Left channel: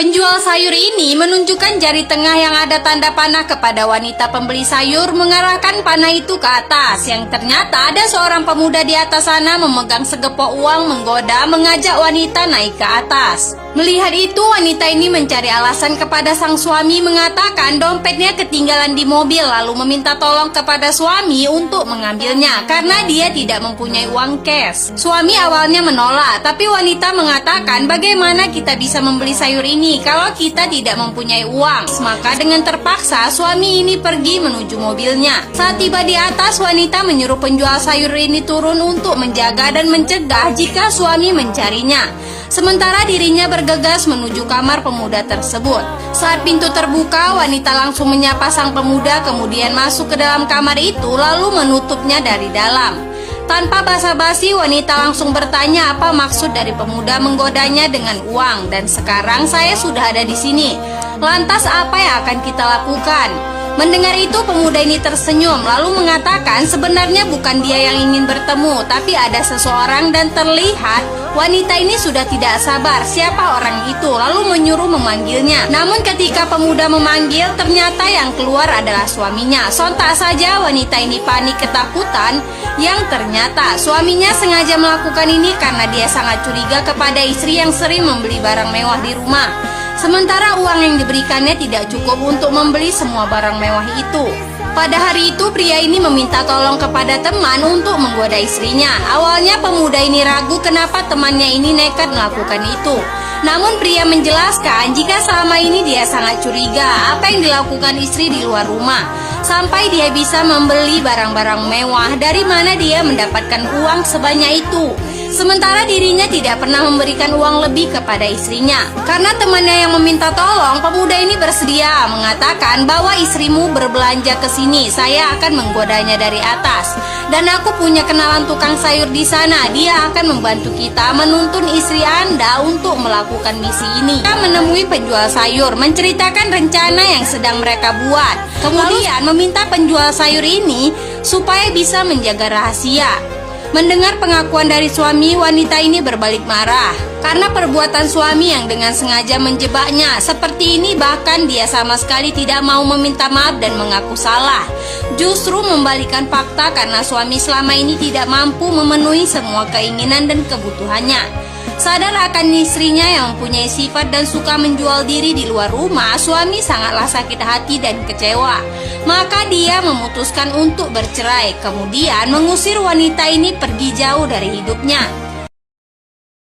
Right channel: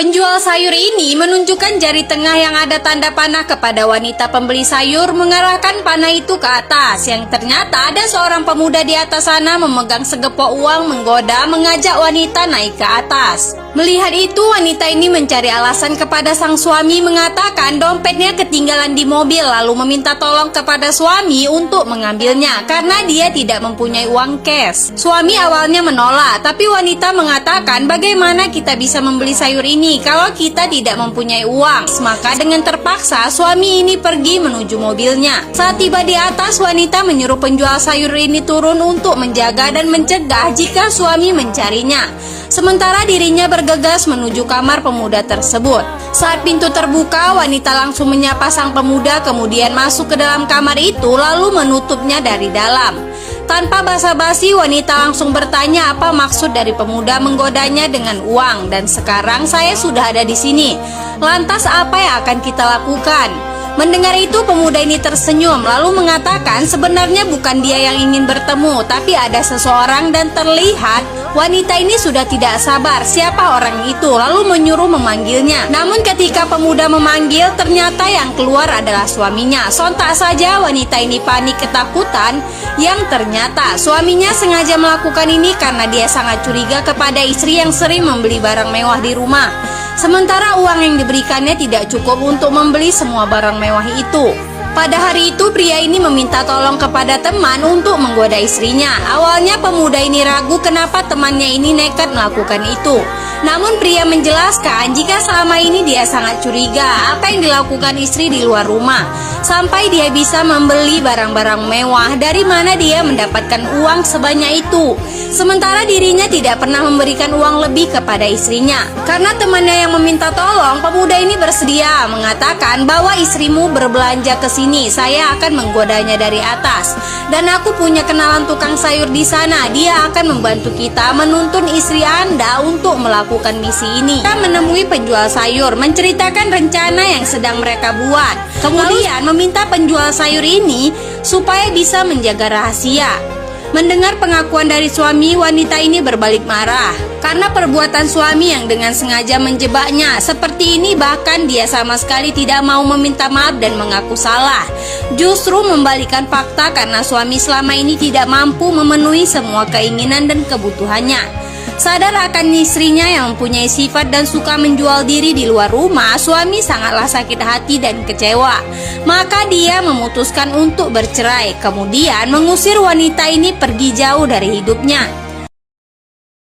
Penjual sayur ini menunjukkan jari tengah yang ada tanda panah kepada wanita pembeli sayur, mengarahkan panah itu ke atas. Yang ternyata ada seorang pemuda di atas sana memegang segepok uang, menggoda, mengajak wanita naik ke atas. Melihat itu, wanita ini mencari alasan kepada sang suami, mengatakan dompetnya ketinggalan di mobil, lalu meminta tolong kepada suami untuk mengambilnya karena dia tidak mempunyai uang cash. Suami awalnya menolak, tapi wanita mengatakan bagaimana kita bisa membeli sayur ini kalau kita tidak mempunyai uang. Maka dengan terpaksa suami ini pergi menuju mobilnya. Saat tiba di atas, wanita menyuruh penjual sayur ini turun untuk menjaga dan mencegah jika suami mencarinya. Sementara dirinya bergegas menuju kamar pemuda tersebut. Saat pintu terbuka, wanita langsung menyapa sang pemuda, kemudian masuk ke dalam kamar itu lalu menutupnya dari dalam. Tanpa basa-basi, wanita langsung bertanya apa maksud dari pemuda menggodanya dengan uang. Dan sekarang saya sudah ada di sini. Lantas apa yang akan kita lakukan? Mendengar itu, pemuda ini tersenyum lalu mengatakan sebenarnya bukan dia yang ingin bertemu, tapi ada seseorang dan terlihat wanita ini sudah tidak sabar siapa orang itu, lalu menyuruh memanggilnya. Namun ketika pemuda memanggil, ternyata yang keluar adalah suaminya. Sontak saja wanita ini panik ketakutan, yang ternyata suaminya sengaja melakukan ini karena dia sangat curiga kepada istri yang sering membeli barang mewah di rumah. Sementara uang yang diberikannya tidak cukup untuk membeli semua barang mewah itu. Pada hari itu, pria ini meminta tolong kepada teman untuk menggoda istrinya. Awalnya pemuda ini ragu kenapa temannya ini nekat melakukan itu. Namun pria menjelaskan jika selama ini dia sangat curiga apa yang dilakukan istri di luar rumah, sampai dia bisa membeli barang-barang mewah. Dari mana dia mendapatkan uang sebanyak itu? Sementara dirinya tidak pernah memberikan uang lebih kepada istrinya. Karena temannya yang meminta tolong, pemuda ini bersedia mengatakan bahwa istrimu berbelanja ke sini, saya akan menggodanya dari atas. Dan aku punya kenalan tukang sayur di sana, dia akan membantu kita menuntun istri Anda untuk melakukan misi ini. Kita menemui penjual sayur, menceritakan rencana yang sedang mereka buat. Kemudian meminta penjual sayur ini supaya bisa menjaga rahasia. Mendengar pengakuan dari suami, wanita ini berbalik marah karena perbuatan suami yang dengan sengaja menjebaknya. Seperti ini bahkan dia sama sekali tidak mau meminta maaf dan mengaku salah. Justru membalikan fakta karena suami selama ini tidak mampu memenuhi semua keinginan dan kebutuhannya. Sadar akan istrinya yang mempunyai sifat dan suka menjual diri di luar rumah, suami sangatlah sakit hati dan kecewa. Maka dia memutuskan untuk bercerai, kemudian mengusir wanita ini pergi jauh dari hidupnya.